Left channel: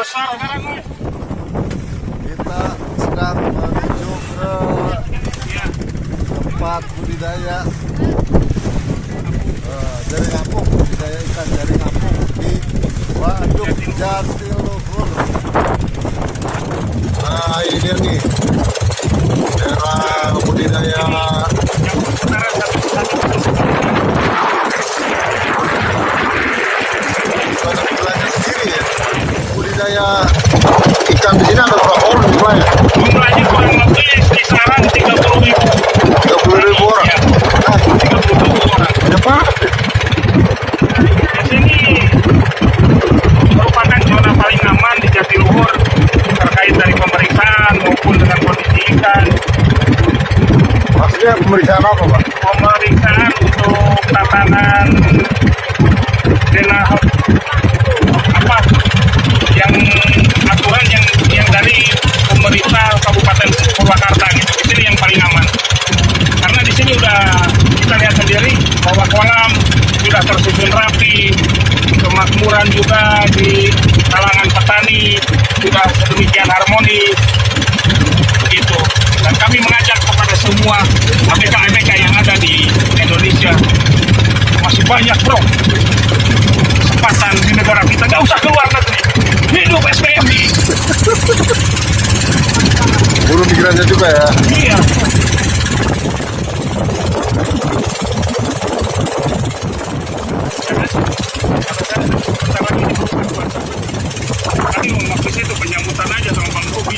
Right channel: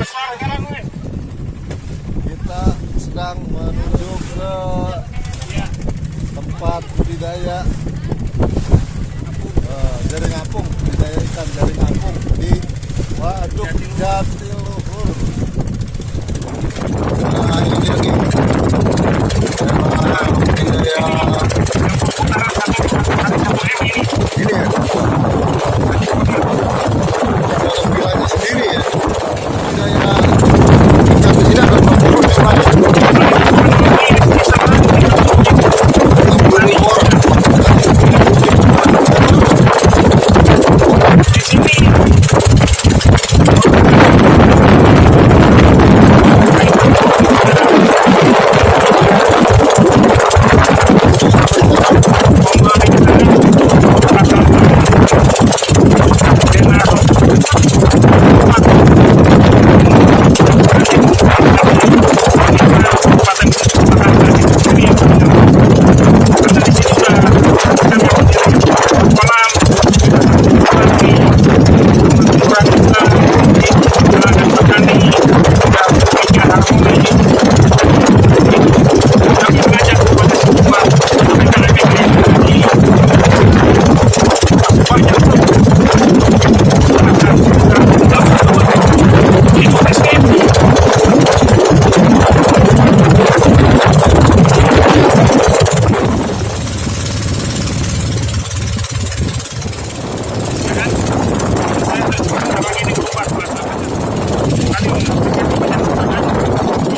Kita sedang menuju ke tempat budidaya jaring apung, budidaya ikan jaring apung di Waduk Jatiluhur. Nah, ini dia nih daerah budidaya sendiri ya. Budidaya ikan di sini ada berapa orang jumlahnya? Jumlahnya kurang lebih kisaran 30.000. 30.000 orang. Nah, 30.000 orang. yang mana? Di sini merupakan zona paling aman di Jatiluhur terkait dari pemeriksaan ikan. Ini yang pemeriksaan apa? Pemeriksaan untuk tatanan denah yang aturan yang dari pemerintah Kabupaten Purwakarta gitu. Di sini yang paling aman. Karena di sini udah kita lihat sendiri bahwa kolam sudah tersusun rapi, kemakmuran juga di kalangan petani sudah sedemikian harmoni gitu. Dan kami mengajak kepada semua ABK-ABK yang ada di Indonesia, masih banyak bro kesempatan di negara kita, nggak usah keluar negeri, hidup SPMI. Belum pikirannya juga ya. Iya. Tadi maksudnya itu penyambutan aja sama Pak Bobi.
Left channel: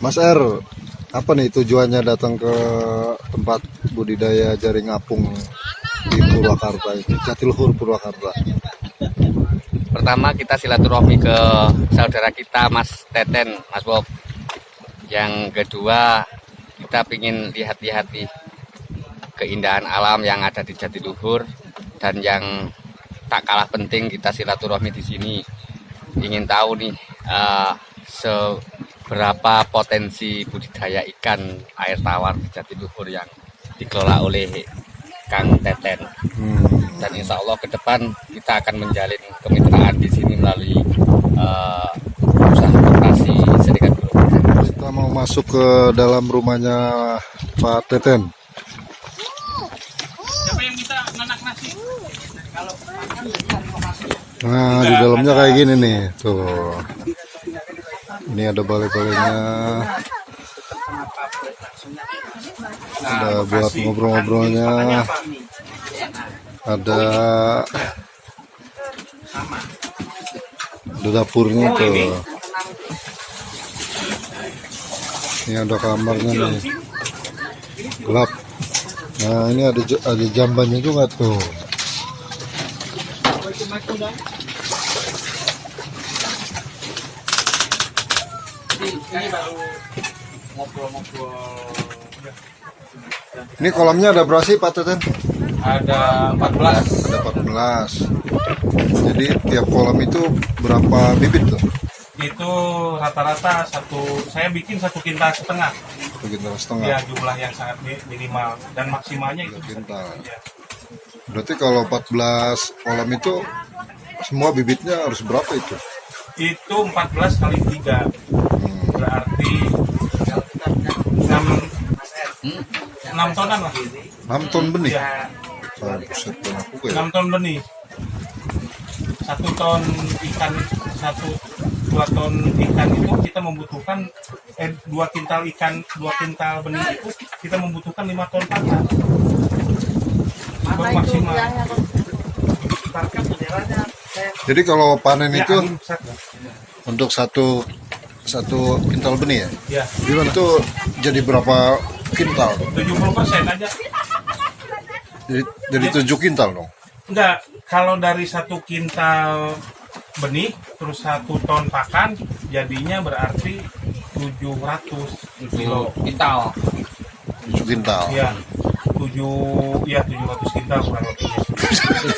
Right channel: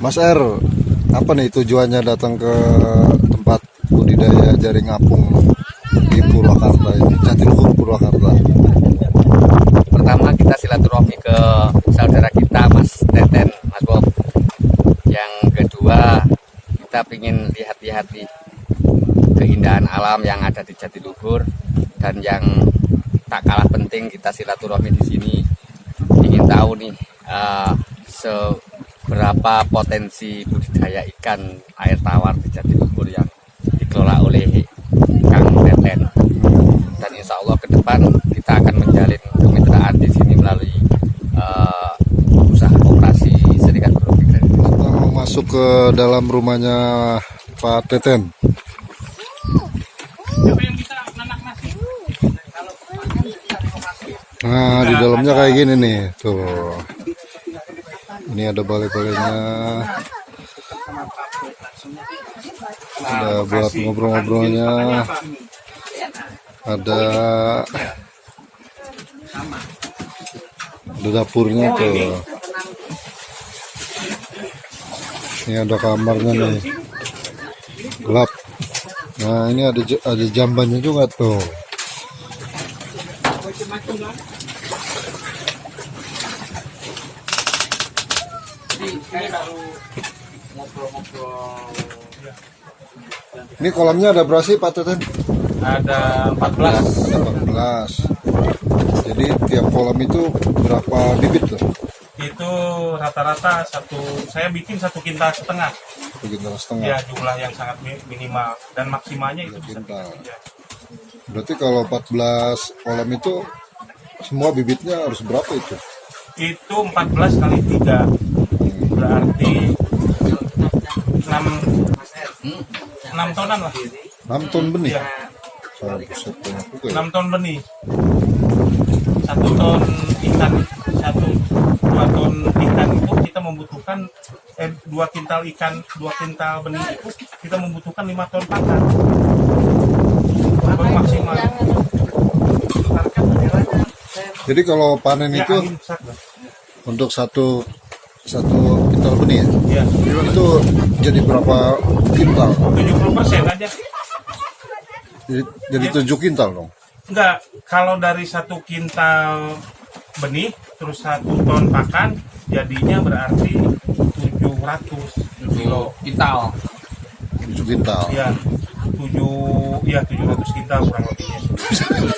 Mas R, apa nih tujuannya datang ke tempat budidaya jaring apung di Purwakarta ini, Jatiluhur Purwakarta? Pertama kita silaturahmi ke saudara kita Mas Teten, Mas Bob. Yang kedua kita ingin lihat-lihat nih keindahan alam yang ada di Jatiluhur, dan yang tak kalah penting kita silaturahmi di sini ingin tahu nih seberapa potensi budidaya ikan air tawar di Jatiluhur yang dikelola oleh Kang Teten. Dan insya Allah ke depan kita akan menjalin kemitraan di sini melalui usaha koperasi Serikat Buruh. Kita mau masuk ke dalam rumahnya Pak Teten. Siapa yang bisa nanak nasi? Kalau makan cari lokasi. Nah, di dalamnya kayak gini nih, tuh. Ini ada balai-balainya. Ada buat ngobrol-ngobrolnya. Ada dapurnya tuh. Ini ada kamarnya nih. Gelap. Nah, ini ada jambannya juga tuh. Ini kolamnya ada berapa sih Pak Teten? Ada 14. Ada 14. Jadi tiap kolam itu berapa bibit tuh? Itu rata-rata saya bikin 1,5 kintal. 1,5 kintal. Ya, jumlah yang sangat minimal dan maksimalnya itu 1 bisa. kintal. Ya. Berarti kalau 14 kolam itu semua bibitnya harus berapa itu? Itu 14 kali 3 berarti 6 tonan lah. 6 ton benih. Ya, Buset, banyak juga ya. 6 ton benih. 1 ton ikan, 2 ton ikan itu kita membutuhkan 2 kintal ikan, 2 kintal benih itu kita membutuhkan 5 ton pakan. Baru maksimal. Jadi kalau panen Ya, itu angin besar, Bang. untuk satu kintal benih ya? Ya, Itu jadi berapa kintal? 70% aja. Jadi 7 kintal dong? Enggak, kalau dari 1 kintal benih terus 1 ton pakan jadinya berarti 700 kilo. Kintal. 7 kintal. Ya, 700 kintal kurang lebihnya.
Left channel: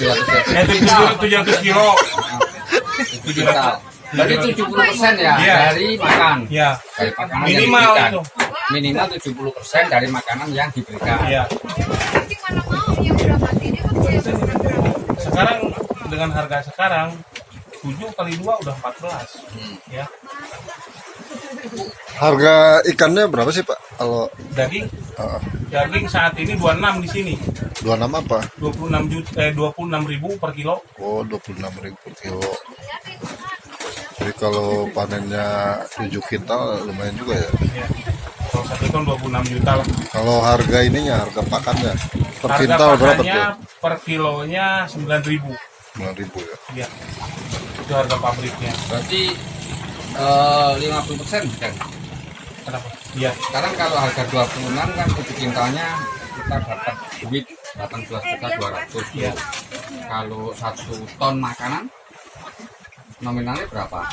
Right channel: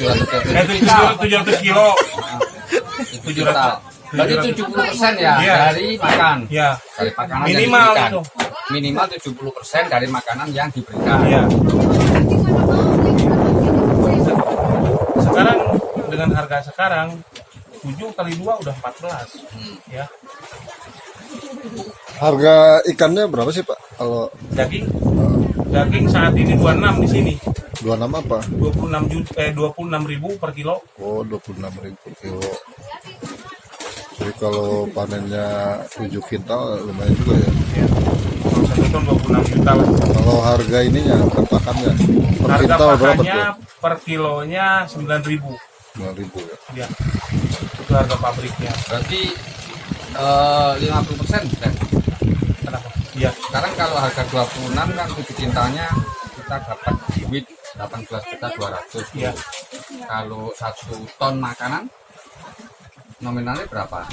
700 kilo. 700. Berarti 70% ya Iya. dari makan. Ya, Dari makanan minimal yang diberikan. itu. Minimal 70% dari makanan yang diberikan. Ya. Sekarang dengan harga sekarang 7 kali 2 udah 14. Ya. Harga ikannya berapa sih Pak? Kalau Daging daging saat ini 26 di sini. 26 apa? 26.000 per kilo. Oh, 26.000 per kilo. Jadi kalau panennya 7 kintal lumayan juga ya. Ya. Kalau 1 ton 26 juta lah. Kalau harga ininya, harga pakannya per Harga kintal berapa pakannya tuh? per kilonya 9.000. 9.000 ya. Ya. Itu harga pabriknya. Berarti 50%. Dan Kenapa? Iya. sekarang kalau harga 26 kan 7 kintalnya kita dapat duit 18.200.000. Iya. Kalau 1 ton makanan nominalnya berapa?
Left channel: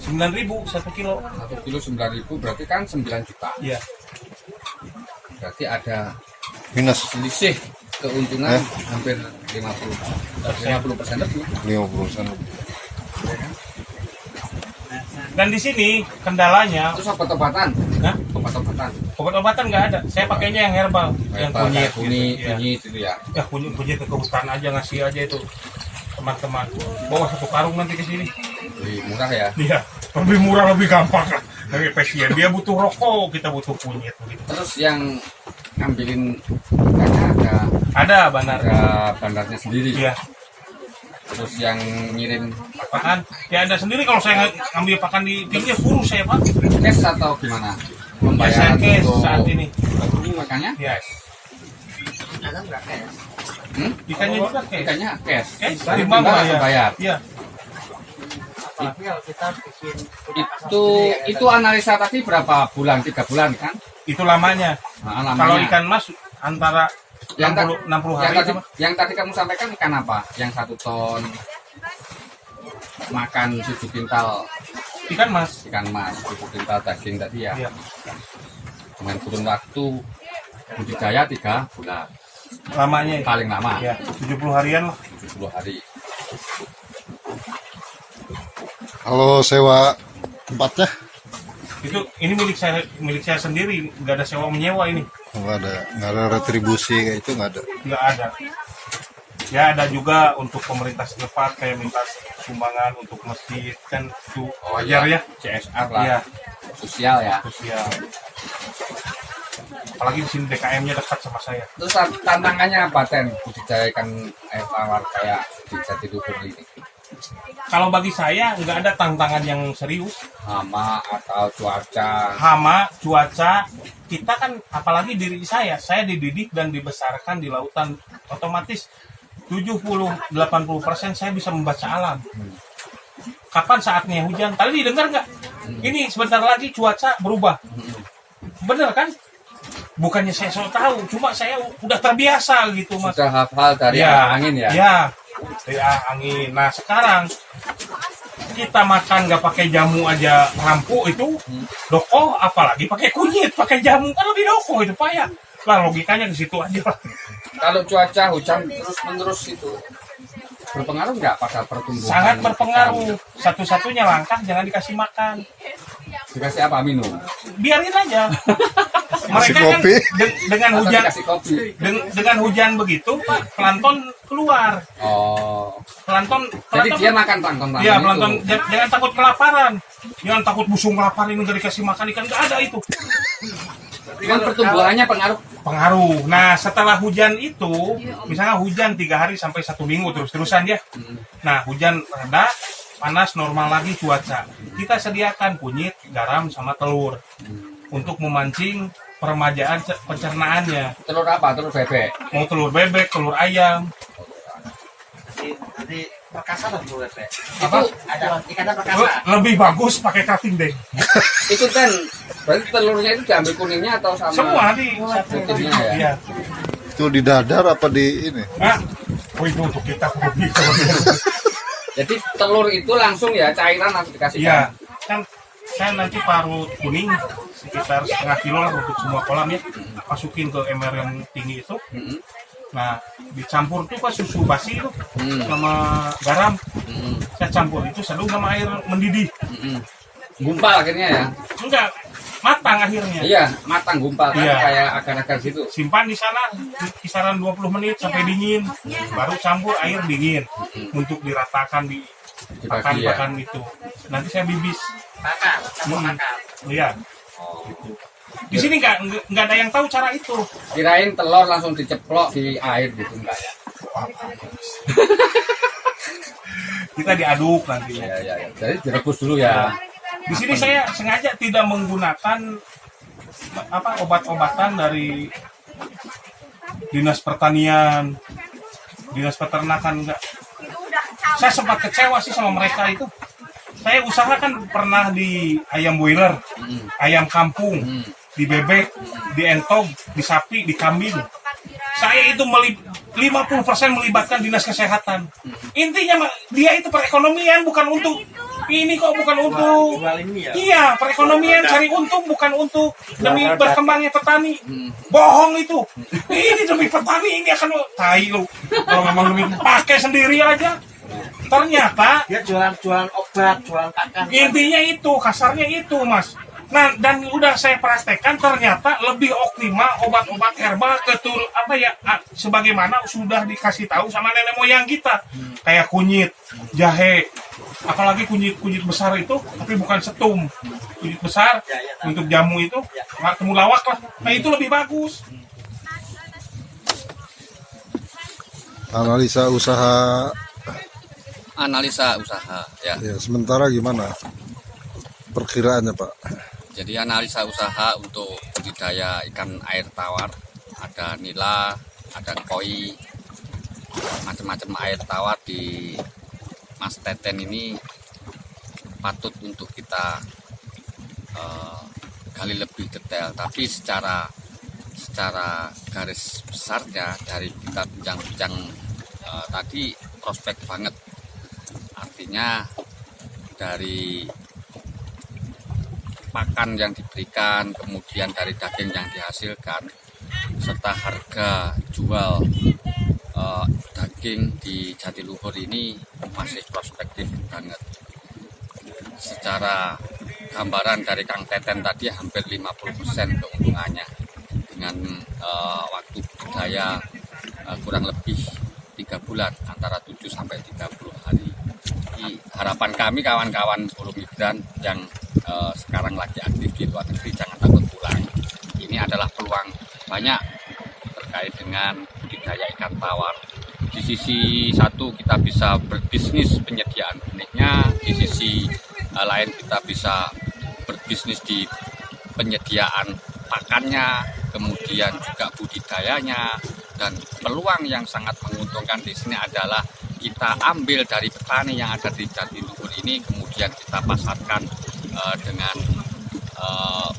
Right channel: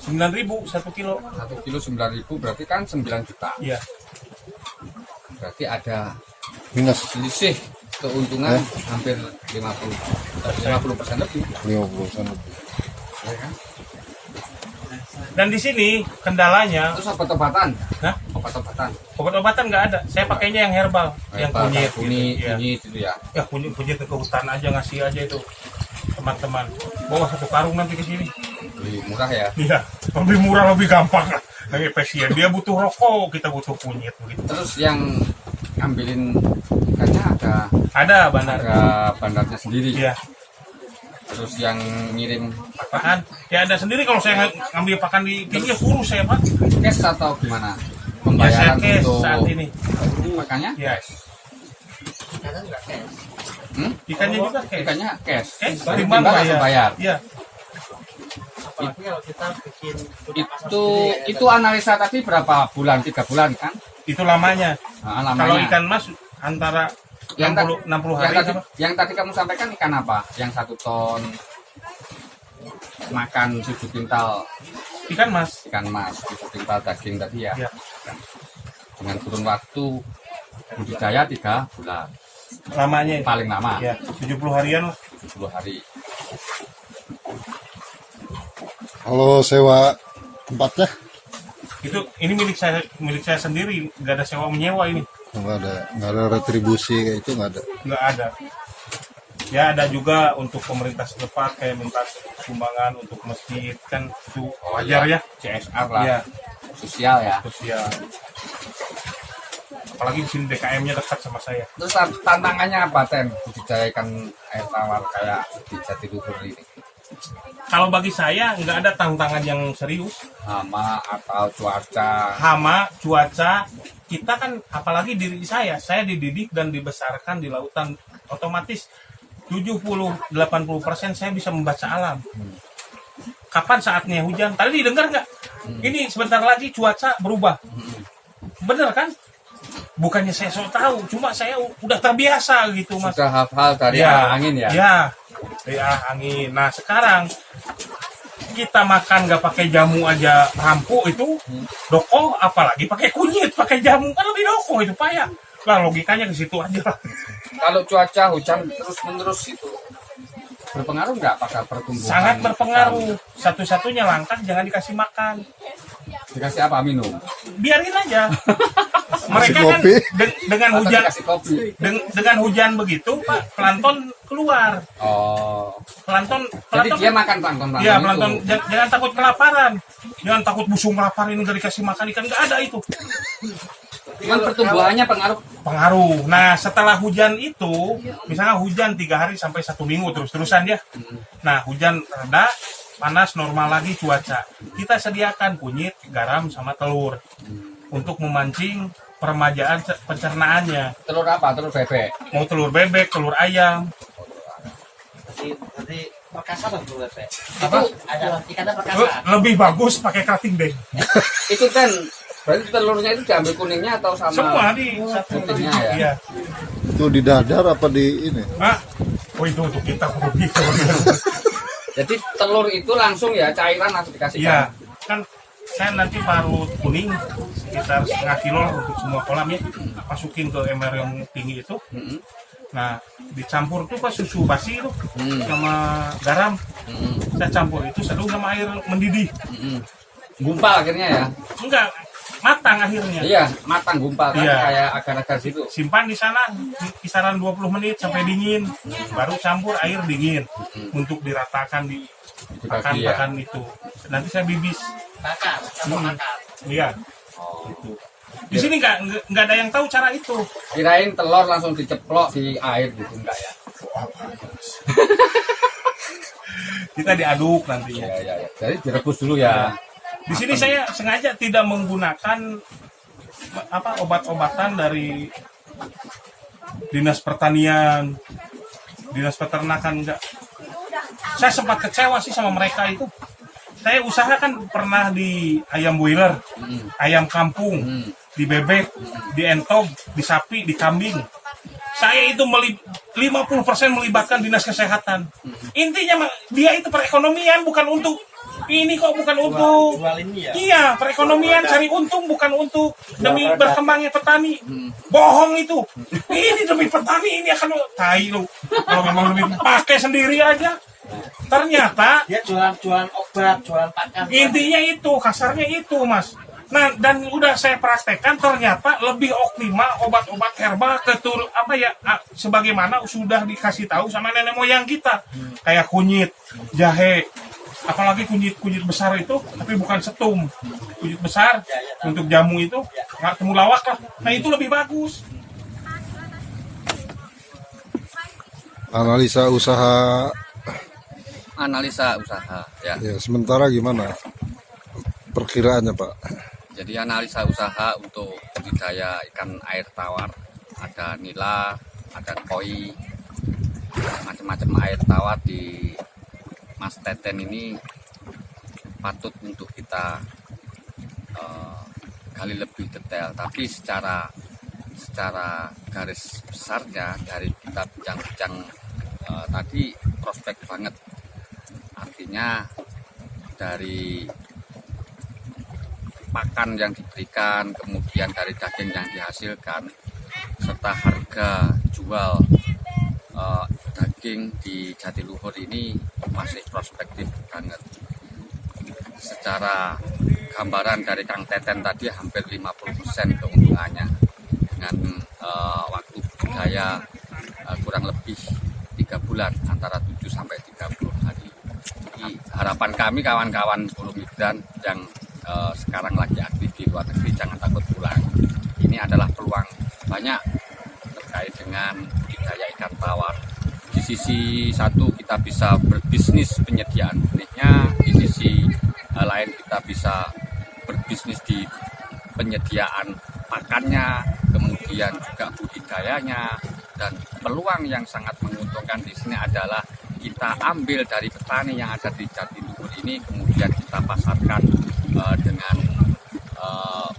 9.000 1 kilo. 1 kilo 9.000 berarti kan 9 juta. Iya. Berarti ada Minus selisih keuntungan hampir 50% lebih. 50% lebih. Ya kan? Dan di sini kendalanya, Terus obat-obatan, nah, obat-obatan, obat-obatan nggak ada. Saya pakainya yang herbal, yang kunyit, kunyit, gitu. Ya. kunyit gitu ya. Ya kunyit ke hutan aja, ngasih aja itu teman-teman. Bawa 1 karung nanti ke sini. Lebih murah ya. Iya, lebih murah, lebih gampang lah. Lagi pasien dia butuh rokok, kita butuh kunyit begitu. Terus yang ngambilin ikannya Ada bandar. ada bandarnya sendiri. Iya. Terus yang ngirim Pakan, ya ada sendiri. Kalau saya ngambil pakan di pinggir kurus saya Pak. cash atau gimana? Ya saya cash untuk saat ini. makannya? Yes. Hmm? Ikannya juga cash. Ikannya cash. Cash, Dari timbang timbangan langsung bayar. Iya. Itu analisa tadi berapa bulan? 3 bulan kan? Itu lamanya. Nah, Kalau lamanya. ikan mas antara Yang 60 yang hari tadi, apa? yang tadi kamu sampaikan ikan apa? Yang 1 ton makan 7 kintal Ikan mas. ikan mas, 7 kintal daging tadi ya. Iya. Dengan kurun waktu budidaya 3 bulan. Lamanya itu. Paling lama Ya, 70 harian lah. 70 hari. Kalau sewa tempatnya Ini milik saya sendiri, nggak ada sewa menyewa ini. nggak ada retribusi kayak itu nggak ada. Nggak ada. Ya ada juga untuk pemerintah setempat kayak minta sumbangan untuk masjid kan itu wajar ya. CSR lah. Iya, Sosial ya. sosial. Apalagi di sini DKM-nya dekat sama saya. Terus tantangannya apa Ten? Budidaya ikan air tawar kayak di Jatiluhur ini. Kalau bagi saya nggak ada tantangan yang serius. Hama atau cuaca. Hama, cuaca, kita kan apalagi diri saya dididik dan dibesarkan di lautan, otomatis 70-80% saya bisa membaca alam. Kapan saatnya hujan? Tadi didengar nggak? Ini sebentar lagi cuaca berubah. Bener kan? Bukannya saya so tahu, cuma saya udah terbiasa gitu mas. Sudah hafal dari Ya, angin ya. Ya, dari angin. Nah sekarang kita makan nggak pakai jamu aja rampu itu doko, apalagi pakai kunyit, pakai jamu kan lebih doko itu payah. Lah logikanya ke situ aja lah. kalau cuaca hujan terus menerus itu berpengaruh nggak pada pertumbuhan? Sangat berpengaruh. Satu-satunya langkah jangan dikasih makan. Dikasih apa, minum? Biarin aja. Mereka kan kopi. dengan Atau hujan dikasih kopi? dengan hujan begitu, Pak, plankton keluar. Oh. Plankton Jadi dia makan plankton. Iya, plankton. Jangan takut kelaparan. Jangan takut busung kelaparan ini udah dikasih makan ikan, nggak ada itu. Cuman pertumbuhannya Pengaruh. Nah, setelah hujan itu, misalnya hujan 3 hari sampai 1 minggu terus-terusan ya. Nah, hujan reda, panas normal lagi cuaca. Kita sediakan kunyit, garam, sama telur untuk memancing peremajaan pencernaannya. Telur apa? Telur bebek. Mau telur bebek, telur ayam. Jadi perkasa dong telur bebek. Apa? Ada ikannya perkasa. Lebih bagus pakai cutting deh. Itu kan berarti telurnya itu diambil kuningnya atau sama? Semua di satu. putihnya ya? Iya. Itu di dadar apa di ini? Ah, oh itu untuk kita hobi. Jadi telur itu langsung ya cairan langsung dikasihkan. Iya, kan saya nanti parut kuning sekitar setengah kilo lah untuk semua kolam ya. Masukin ke ember yang tinggi itu. Nah, dicampur tuh pas susu basi itu sama garam. Saya campur itu seduh sama air mendidih. Gumpal akhirnya ya? Enggak, matang akhirnya. Iya, matang gumpal kan Iya. kayak agar-agar situ. Simpan di sana kisaran 20 menit sampai dingin. Baru campur air dingin untuk diratakan di Dibagi ya? pakan itu. Nanti saya bibis. Bakar, campur bakar. Iya. Gitu. Di sini nggak ada yang tahu cara itu. Kirain telur langsung diceplok di air gitu enggak ya? Kita diaduk nanti. Iya, iya, iya. Jadi direbus dulu ya. Di sini saya sengaja tidak menggunakan obat-obatan dari Dinas Pertanian, Dinas Peternakan, enggak. Saya sempat kecewa sih sama mereka itu. Saya usahakan pernah di ayam boiler, ayam kampung, di bebek, di entog, di sapi, di kambing. Saya itu 50% melibatkan Dinas Kesehatan. Intinya dia itu perekonomian, bukan untuk ini kok, bukan untuk Jual ini ya. iya, perekonomian cari untung, bukan untuk demi berkembangnya petani. Bohong itu. Ini demi petani, ini akan tai lu. Kalau memang demi pakai sendiri aja. Ternyata Dia jualan obat, jualan pakan. intinya itu, kasarnya itu, Mas. Nah, dan udah saya praktekkan, ternyata lebih optimal obat-obat herbal sebagaimana sudah dikasih tahu sama nenek moyang kita. Kayak kunyit, jahe, apalagi kunyit besar itu, tapi bukan setum. Kunyit besar untuk jamu itu, nggak temulawak lah. Nah, itu lebih bagus. Analisa usaha ya. ya, sementara gimana perkiraannya, Pak? Jadi analisa usaha untuk budidaya ikan air tawar, ada nila, ada koi, macam-macam air tawar di Mas Teten ini patut untuk kita gali lebih detail. Tapi secara garis besarnya dari kita bincang-bincang tadi prospek banget. Artinya dari pakan yang diberikan, kemudian dari daging yang dihasilkan, serta harga jual daging di Jatiluhur ini masih prospektif banget. Secara gambaran dari Kang Teten tadi hampir 50% keuntungannya dengan waktu budidaya kurang lebih 3 bulan, antara 7 sampai 30 hari. Jadi, harapan kami kawan-kawan buruh migran yang sekarang lagi aktif di luar negeri, jangan takut pulang. Ini adalah peluang banyak terkait dengan budidaya ikan tawar. Di sisi satu kita bisa berbisnis penyediaan benihnya, di sisi lain kita bisa berbisnis di penyediaan pakannya, kemudian juga budidayanya. Dan peluang yang sangat menguntungkan di sini adalah kita ambil dari petani yang ada di Jatiluhur ini, kemudian kita pasarkan dengan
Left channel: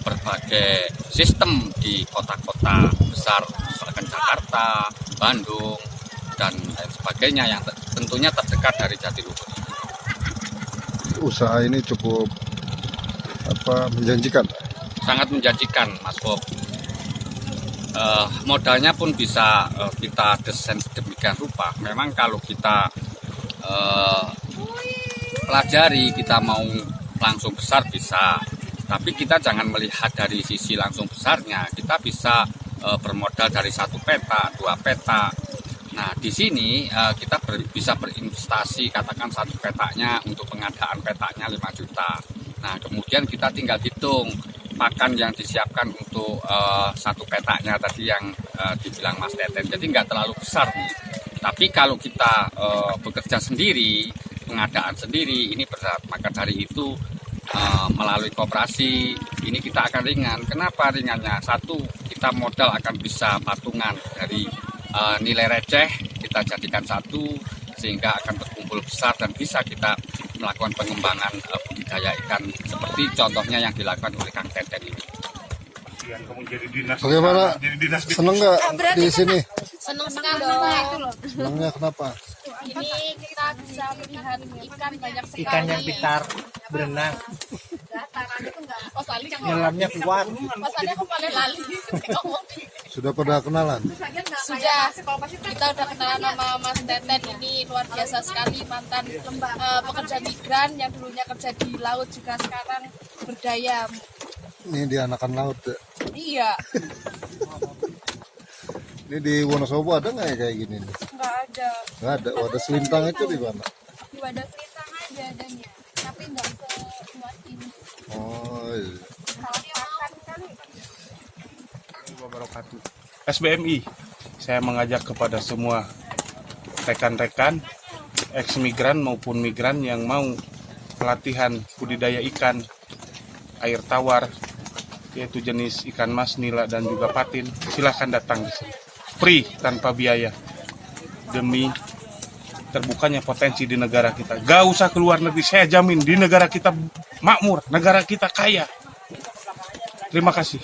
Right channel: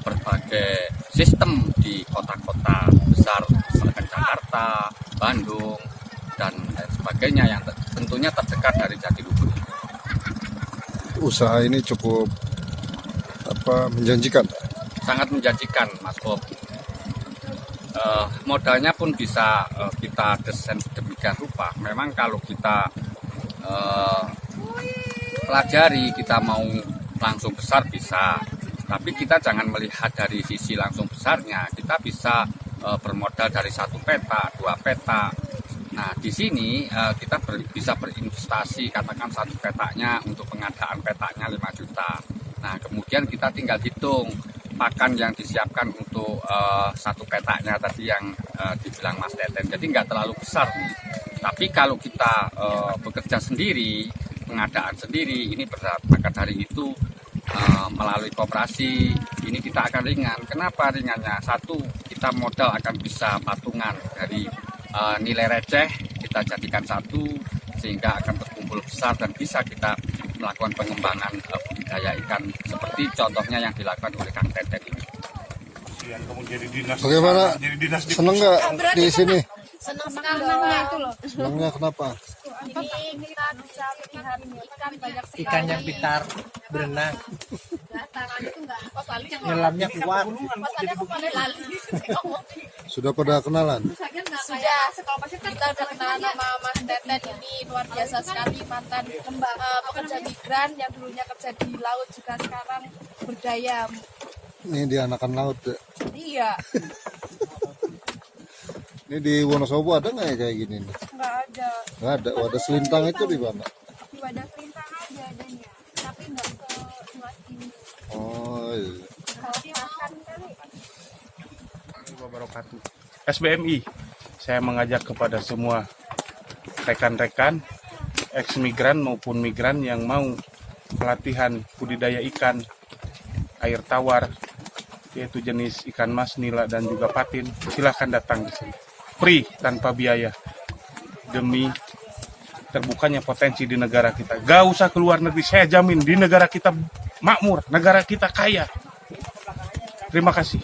berbagai sistem di kota-kota besar misalkan Jakarta, Bandung, dan lain sebagainya yang tentunya terdekat dari Jatiluhur ini. Usaha ini cukup menjanjikan. Sangat menjanjikan, Mas Bob. modalnya pun bisa kita desain sedemikian rupa. Memang kalau kita pelajari, kita mau langsung besar bisa, tapi kita jangan melihat dari sisi langsung besarnya. Kita bisa bermodal dari 1 peta, 2 peta. Nah, di sini kita bisa berinvestasi, katakan 1 petanya untuk pengadaan petanya 5 juta. Nah, kemudian kita tinggal hitung pakan yang disiapkan untuk 1 petanya tadi yang dibilang Mas Teten. Jadi nggak terlalu besar nih. Tapi kalau kita bekerja sendiri, pengadaan sendiri, ini berat. Maka dari itu melalui koperasi ini kita akan ringan. Kenapa ringannya? 1, kita modal akan bisa patungan dari nilai receh, kita jadikan 1 sehingga akan terkumpul besar dan bisa kita melakukan pengembangan budidaya ikan seperti contohnya yang dilakukan oleh Kang Teten ini. Yang kamu jadi dinas. Bagaimana? Jadi dinas di Seneng nggak di sini? Senang sekali itu loh. Senengnya kenapa? Ini kita bisa melihat ikan banyak sekali. Ikan yang pintar berenang, Pasalnya nyelamnya keluar. aku paling lali. Sudah pada kenalan? Sudah. Kita udah kenalan sama Mas Teten, ini luar biasa sekali, mantan pekerja migran yang dulunya kerja di laut juga sekarang berdaya. Ini di Anakan Laut ya? Iya. Ini di Wonosobo ada nggak ya kayak gini nih? Nggak ada. Nggak ada. Wadah selintang itu di mana? Di wadah selintang aja adanya, tapi nggak seluas ini. Oh iya. wabarakatuh. SBMI, saya mengajak kepada semua rekan-rekan ex-migran maupun migran yang mau pelatihan budidaya ikan air tawar, yaitu jenis ikan mas, nila, dan juga patin. Silahkan datang di sini, free tanpa biaya, demi terbukanya potensi di negara kita. Gak usah keluar negeri, saya jamin di negara kita makmur, negara kita kaya. Terima kasih.